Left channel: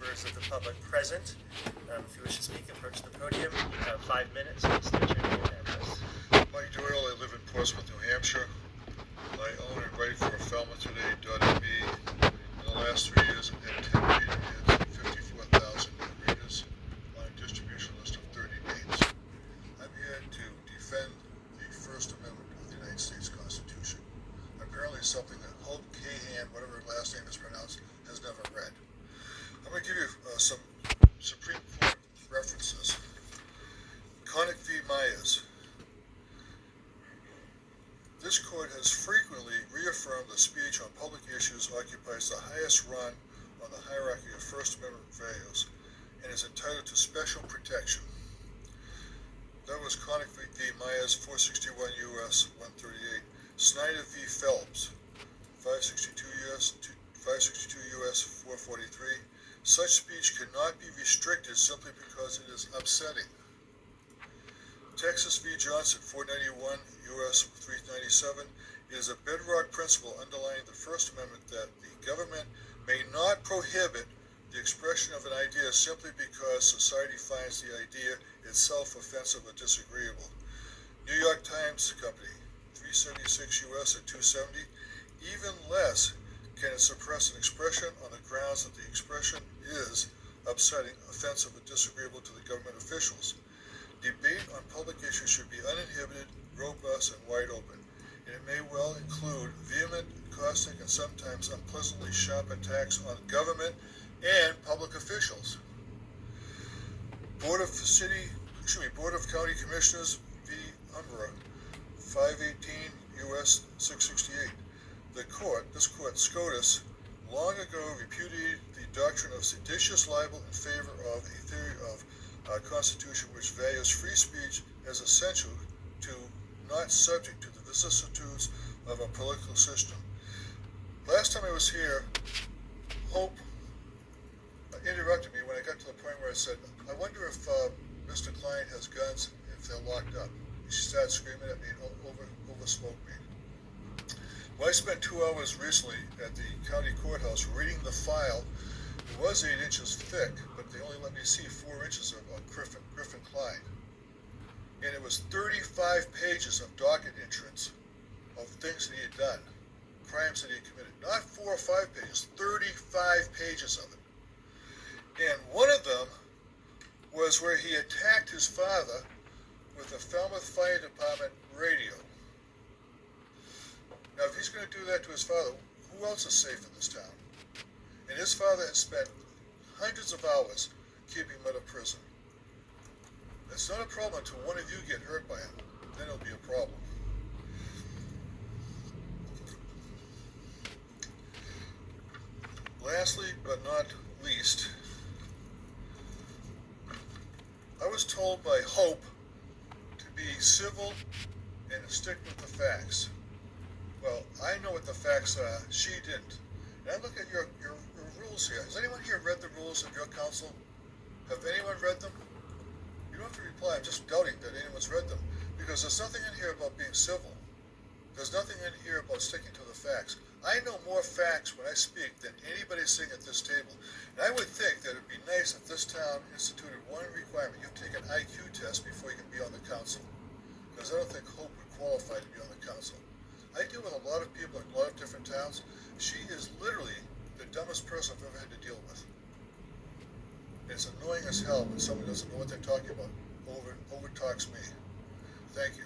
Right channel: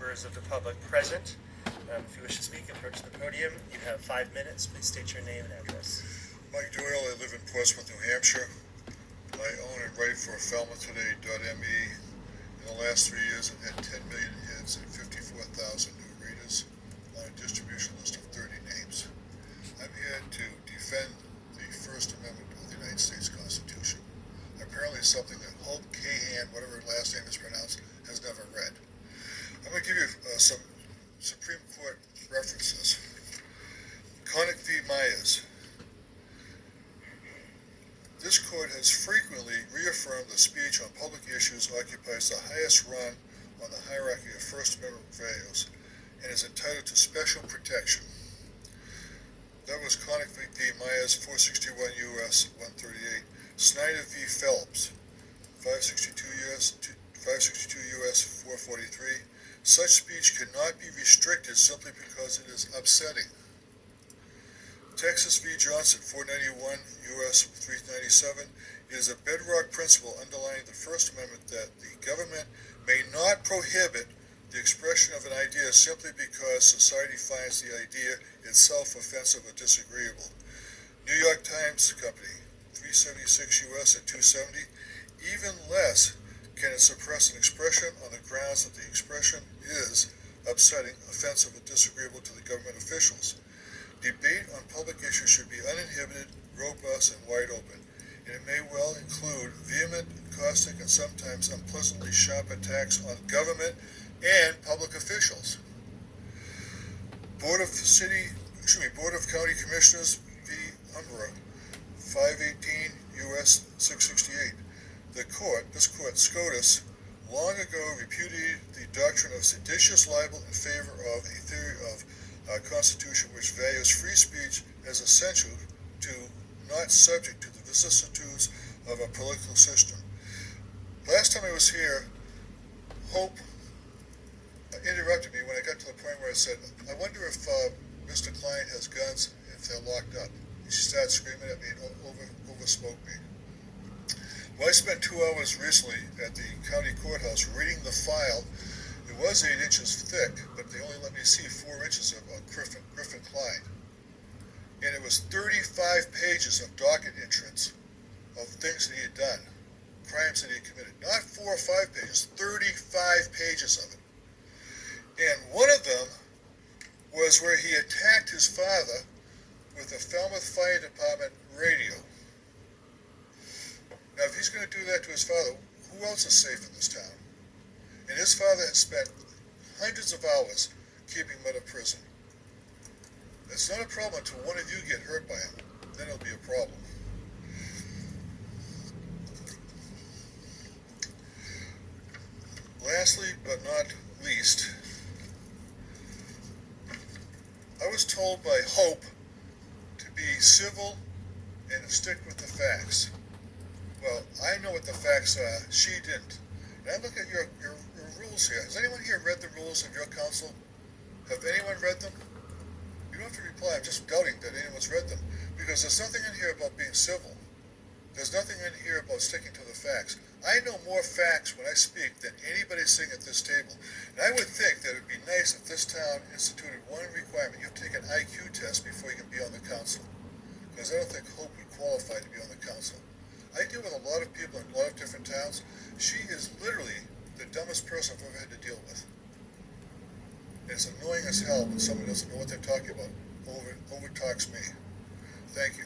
members of the public present. If you wish to speak, approach the podium. You have 5 minutes. Please state your name and address. Mike Doyle, I live in Portsmouth, New Hampshire. I own and write for FalmouthToday.me. In the last 3 years, I've had 10 million hits and 54,000 new readers on a distribution list of 30 names. I'm here to defend the First Amendment of the United States Constitution. Apparently something that Hope Cahan, whatever her last name is pronounced, has never read. I'm going to give you some Supreme Court references. Connick v. Myers. This court has frequently reaffirmed that speech on public issues occupies the highest rung on the hierarchy of First Amendment values and is entitled to special protection. That was Connick v. Myers, 461 U.S. 138. Snyder v. Phelps, 562 U.S. 443. Such speech cannot be restricted simply because it is upsetting. Texas v. Johnson, 491 U.S. 397. It is a bedrock principle underlying the First Amendment that the government may not prohibit the expression of an idea simply because society finds the idea itself offensive or disagreeable. New York Times Company, 376 U.S. at 270. Even less can it suppress an expression on the grounds that the expression is upsetting, offensive, or disagreeable to the government officials. Debate on public issues should be uninhibited, robust, and wide open, and it may well include vehement, caustic, and sometimes unpleasantly sharp attacks on government and public officials. Board of County Commissioners v. Umbra, 518 U.S. 668. This court, SCOTUS, long ago repudiated the doctrine of seditious libel in favor of a theory of our Constitution which values free speech as essential to not subject to the vicissitudes of a political system. Last time I was here, Hope interrupted me when I got to the point where I said, I wonder if Mr. Klein has guns if they're locked up. She started screaming at me and overspoke me. Well, I spent 2 hours recently at the county courthouse reading the file. It was 8 inches thick, but they only let me see 4 inches of Griffin Klein. And it was 35 pages of docket entrance of things that he had done, crimes that he had committed. Not 4 or 5 pages, 35 pages of it. And one of them was where he attacked his father with a Falmouth Fire Department radio. Now, if he's going to do that to his father, who else is safe in this town? And his father has spent hundreds of hours keeping him out of prison. It's not a problem until one of you get hurt by him. Then it'll be a problem. Lastly, but not least, I was told by Hope to be civil and stick with the facts. Well, I know what the facts are. She didn't. And I look at your rules here. Has anyone here read the rules of your council? Have anyone read them? You don't have to reply. I'm just doubting that anyone's read them. Because there's nothing in here about being civil. There's nothing in here about sticking to the facts. I know more facts when I speak than anybody sitting at this table. And I would think that it would be nice if this town instituted one requirement. You have to take an IQ test before you can be on the council. Because I don't think Hope would qualify to be on the council. I deal with a lot of people in a lot of different towns. She is literally the dumbest person I've ever had to deal with. And it's annoying as hell when someone doesn't know what they're talking about, over talks me. Thank you.